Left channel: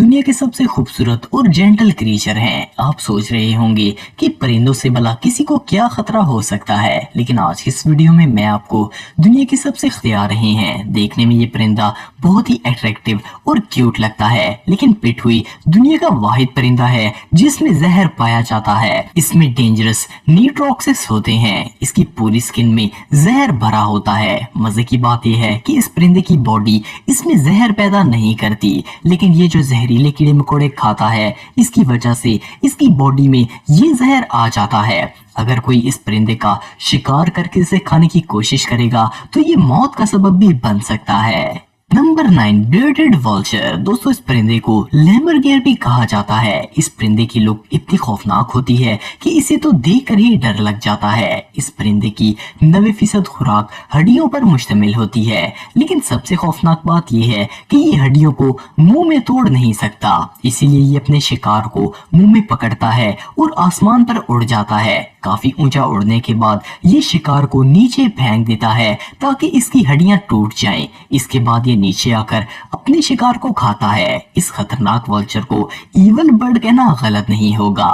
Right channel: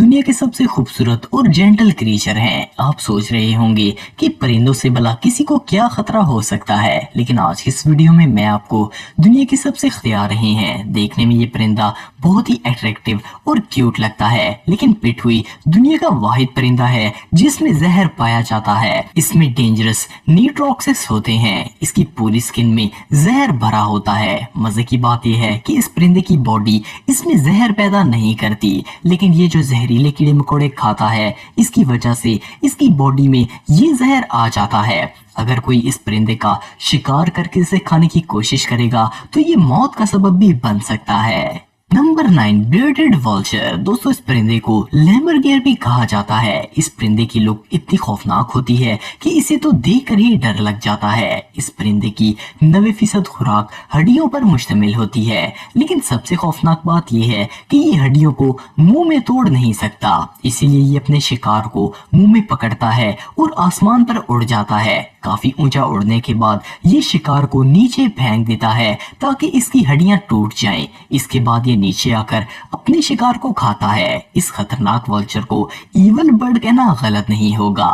दुनिया के सबसे खूबसूरत और जेंटल क्रीचर हैं। आप सोच रहे होंगे कि परिंदों से भला किसी को क्या खतरा हो सकता है, लेकिन आज की इस वीडियो में मैं आपको दुनिया के सबसे खतरा रहे हैं। देखने में ये परिंदा बहुत ही अट्रैक्टिव और क्यूट लगता है, लेकिन पिटहुई दुनिया का वाहिद परिंदा है जिसमें जहर पाया जाता है। इसमें डेंजरस न्यूट्रॉक्सिस होते हैं। इसकी पूरी स्किन में जहर भरा होता है। मजे की बात यह है कि इस परिंदे की बॉडी इसमें जहर पैदा नहीं करती, लेकिन ये जो जहरीले कीड़े मकोड़े खाता है, इसकी वजह से इसकी बॉडी में ये जहर आ जाता है। अगर कोई इस परिंदे का शिकार करके इसे खाने की कोशिश करेगा तो ये मौत का सबब भी बन सकता है। Number 9, bearded vulture. दोस्तों, इस परिंदे को लैमरगेयर भी कहा जाता है। इस परिंदे की लुक इतनी खौफनाक होती है कि इसे तो देखकर ही डर लग जाता है। इस परिंदे की 90% खुराक हड्डियों पर मुश्तमिल होती है, लेकिन सबसे खौफनाक बात यह है कि ये हड्डियों को मुंह में तोड़ नहीं सकता, इसीलिए ये अपने शिकार को मुंह में पकड़ता है और आसमान पर उड़ जाता है। काफी ऊंचा उड़ने के बाद ये शिकार को नीचे फेंक देता है ताकि इसकी हड्डियां टूट जाएं। इसके बाद ये नीचे आकर अपने शिकार को खाता है। इस खतरनाक वल्चर को ईवल बर्ड कहना गलत नहीं होगा।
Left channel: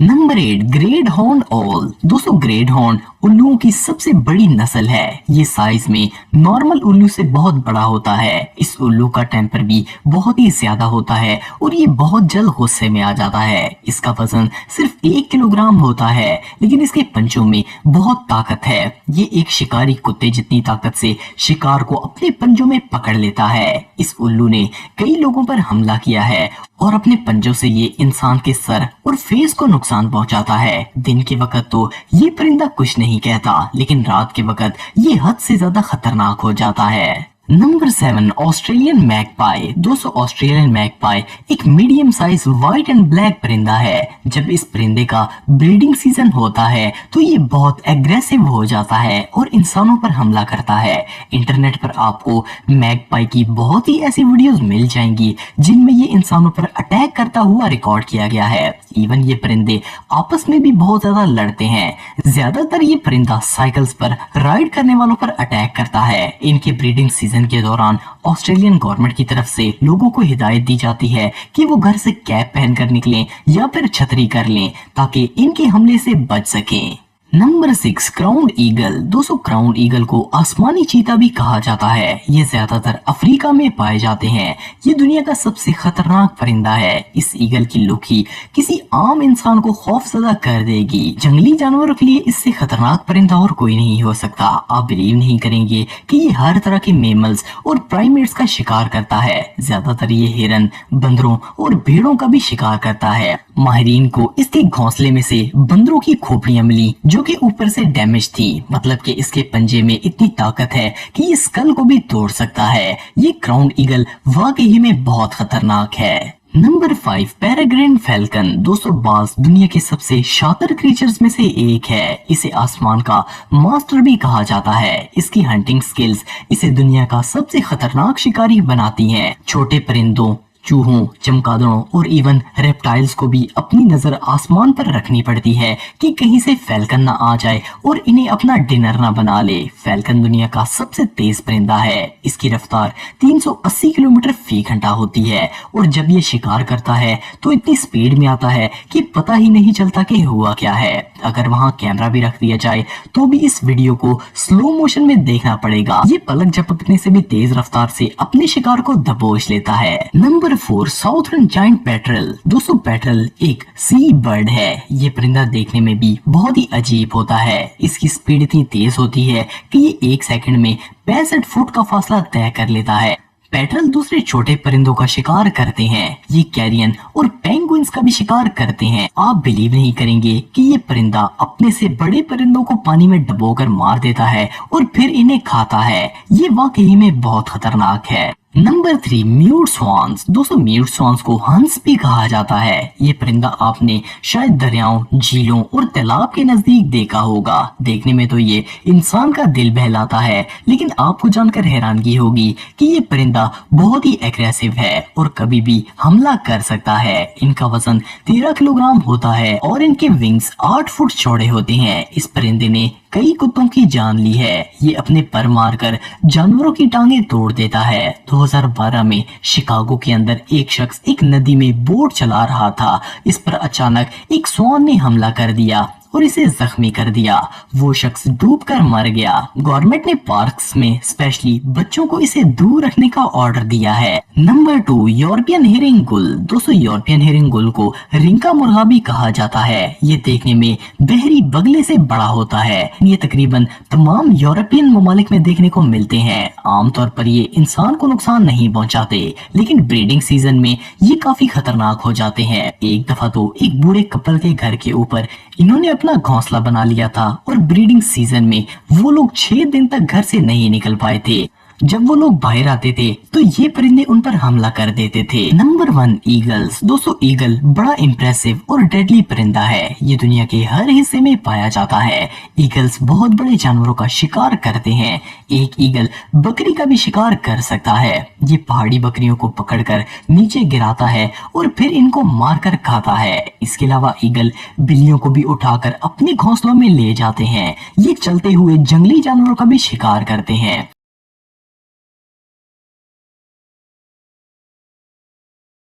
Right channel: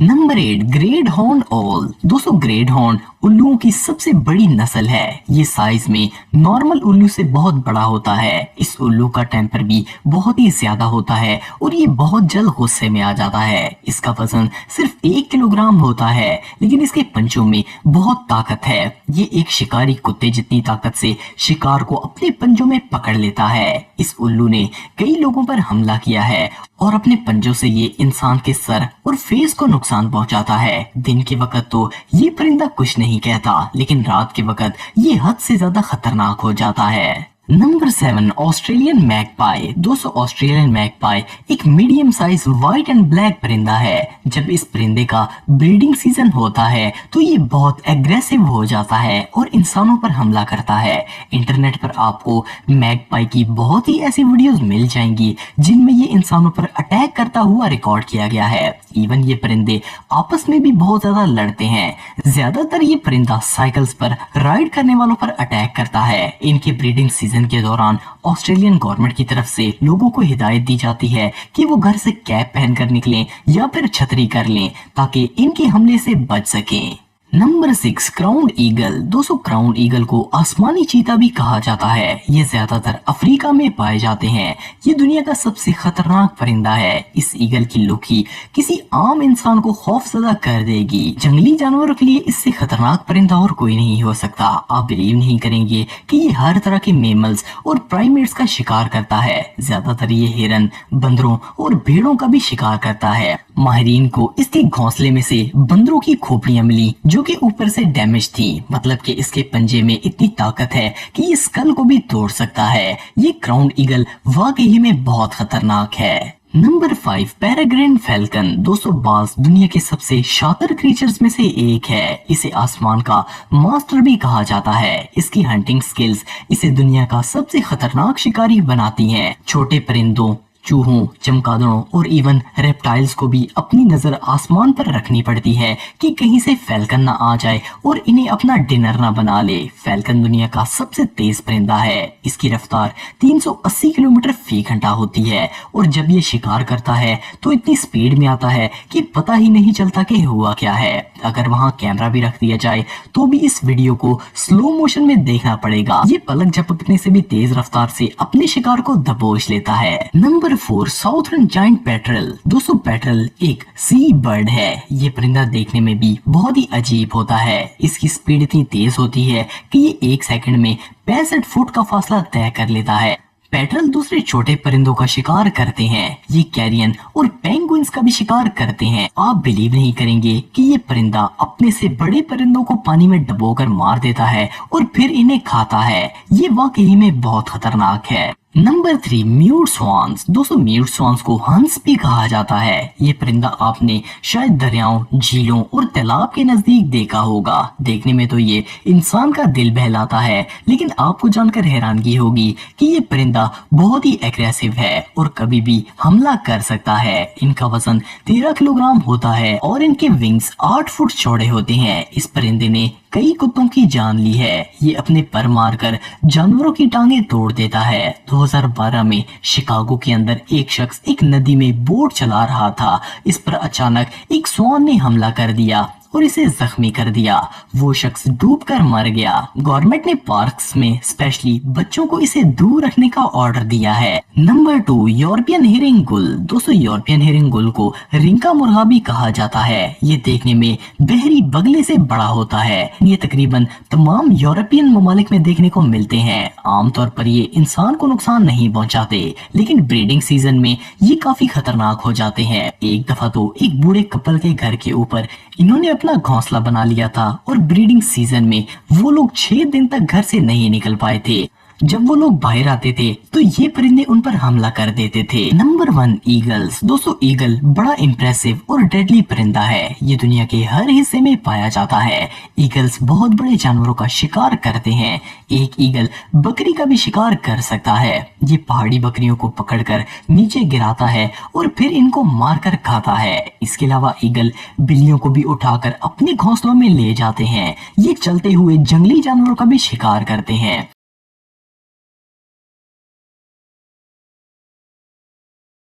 नंबर 8, ग्रेट हॉर्न ओल। दोस्तों, ग्रेट हॉर्न उल्लुओं की सबसे बड़ी नस्ल है। ये साइज में नॉर्मल उल्लू से बहुत बड़ा होता है। इस उल्लू का टेम्पर भी बहुत ही ज्यादा होता है और ये बहुत जल्द गुस्से में आ जाता है। इसका वजन सिर्फ 1 किलोग्राम होता है, लेकिन इसके पंजों में बहुत ताकत है। ये एक शिकारी कुत्ते जितनी ताकत से शिकार को अपने पंजों में पकड़ लेता है। इस उल्लू ने कई लोगों पर हमला किया है और अपने पंजों से ये इंसान के सर और फेस को नुकसान पहुंचाता है। दिन के वक्त तो ये परिंदा कुछ नहीं कहता, लेकिन रात के वक्त ये हद से ज्यादा खतरनाक हो जाता है। Number 7, Australian magpie. दोस्तों, ऑस्ट्रेलियन मैगपाई एक medium size white and black परिंदा है। जब इस परिंदे का ब्रीडिंग सीजन होता है तो ये बहुत एग्रेसिव हो जाता है और इंसानों पर हमला करता है। इंटरनेट पर आपको मैगपाई की बहुत ही ऐसी वीडियोस मिल जाएंगी जिनमें ये इंसानों पर अटैक करता हुआ रिकॉर्ड किया गया है। इवन ये परिंदे आपस में भी बहुत ज्यादा लड़ते हैं। ज्यादातर ये परिंदा साइकिल्स पर राइड करने वालों पर अटैक करता है। इनके ब्रीडिंग सीजन के दौरान ऑस्ट्रेलियन गवर्नमेंट की तरफ से लोगों को हिदायत दी जाती है कि वो घर से कैप पहनकर निकलें या फिर छतरी कर लें ताकि इनके हमले से बच सकें। Number 6, crown eagle. दोस्तों, क्राउन ईगल को आसमानी चीता भी कहा जाता है। ये ज्यादातर अफ्रीका में पाए जाते हैं। ये दुनिया का सबसे खतरनाक परिंदा है। इस ईगल की लुक ही किसी आम इंसान को खौफजदा कर देगी। जंगली जानवरों के लिए इससे खतरनाक परिंदा और कोई नहीं हो सकता। आप बिलीव नहीं करेंगे कि ये हर तरह के मेमल्स और प्राइमेट्स का शिकार करता है। ज्यादातर ये हिरन, बंदरों और भेड़ों का भी शिकार करता है। माहिरीन को इसके घोंसले में से बंदरों की खोपड़ियां मिली जो कि ऊपर से डैमेज थी। मतलब कि इसके पंजे में इतनी ताकत है कि ये स्कल को भी तोड़ सकता है। ये क्राउन ईगल वाकई में बहुत खतरनाक है। Number 5, peregrine falcon. दोस्तों, बाज दुनिया के सबसे शातिर क्रीचर्स में से एक है। इसे आसमान का मास्टर भी कहा जाता है। इसकी हंटिंग स्किल्स इसे दुनिया का सबसे खतरनाक शिकारी बनाती हैं। छोटे परिंदों, चूहों, चमगादड़ों और इवन रेप्टाइल्स को भी अपनी नजर आसमान पर रखनी पड़ती है कि कहीं से फैल्कन ना आ जाए और इन्हें अपना डिनर ना बना ले। फैल्कन दुनिया का सबसे तेज परिंदा है। इसकी रफ्तार 380 किलोमीटर फी घंटा होती है और जब ये शिकार करता है तो इतनी स्पीड में आता है कि पता ही नहीं चलता कि हुआ क्या है। अगर वहां कैमरा भी रख दिया जाए तो भी इस वीडियो को स्लो मोशन में देखना पड़ेगा। ये पलक झपकने से भी तेज रफ्तार से अपने शिकार को दबोच लेता है। Number 4, southern giant petrol. दोस्तों, पेट्रल एक सी बर्ड है। ये परिंदा देखने में भी बहुत ही अजीब होता है। इसकी स्पीड इतनी तेज होती है कि ये 1 सेकंड में 65 फुट का फासला तय कर लेता है। पेट्रल दूसरे छोटे परिंदों का शिकार करते हैं। ये कैरियन और पेंगुइन्स का भी शिकार करते हैं। आप बिलीव नहीं करेंगे कि ये परिंदा अपने से बड़े परिंदों को पानी में डुबोकर मार देता है और फिर इन्हें खाता है। ये वाकई में बहुत खतरनाक है। Number 3, mute swans. दोस्तों, म्यूट स्वान्स को हंस भी कहा जाता है। ये परिंदा आपने शायद दरियाओं, झीलों और तालाब के नजदीक देखा होगा। देखने में तो ये इंसान का दिल बहलाता है, लेकिन आपको जानकर हैरानगी होगी कि ये परिंदा बहुत ही एग्रेसिव है और कभी भी हमला कर सकता है। इनका वजन 13 किलोग्राम होता है और इनके विंग्स 8 फुट चौड़े होते हैं। इस परिंदे ने कई कुत्तों की जान ली है। ये अपने पर मारकर जानवरों की टांगें तोड़ देता है। 2012 में शिकागो के अंदर एक शख्स एक नदी में बोट चला रहा था। इस पर अचानक एक स्वान ने हमला कर दिया और इसे जख्मी कर दिया। वो शख्स डूबकर मर गया। गवर्नमेंट ने पार्क्स में स्पेशली बच्चों को इसे दूर रखने का ऑर्डर दिया है। नंबर 2, यूरोपियन हेरिंग गुल। दोस्तों, यूरोपियन हेरिंग गुल को रिंका मुर्गा भी कहा जाता है। ये देखने में बहरी बगले से बड़ा होता है। ये तकरीबन तमाम यूरोपियन ममालिक में देखने को मिलते हैं। आमतौर पर ये इंसान को नुकसान नहीं पहुंचाते, लेकिन ब्रीडिंग सीजन में ये काफी खतरनाक हो जाते हैं। एक दफा तो एक बूढ़े कपल के घर के ऊपर इन्होंने अपना घोंसला बना लिया था और ब्रीडिंग सीजन में वो लोग 6 दिन तक घर से नहीं निकल पाए थे। जब वो लोग बाहर आते थे तो ये परिंदे उन पर हमला कर देते थे। Number 1, eagles. दोस्तों, ईगल बड़ा इम्प्रेसिव और डेडली परिंदा है। ये दुनिया के हर हिस्से में पाया जाता है। ईगल्स बहुत बड़े जानवरों का शिकार करते हैं। एक ईगल बकरी का भी शिकार कर सकता है। ये पहाड़ी बकरियों को पकड़कर नीचे गिराता है और फिर इनको मारकर खाता है। इसके अलावा ईगल बिल्लियों को भी उठाकर अपने घोंसलों में ले जाते हैं। ये चलते हुए जंगली जानवरों का भी शिकार करते हैं।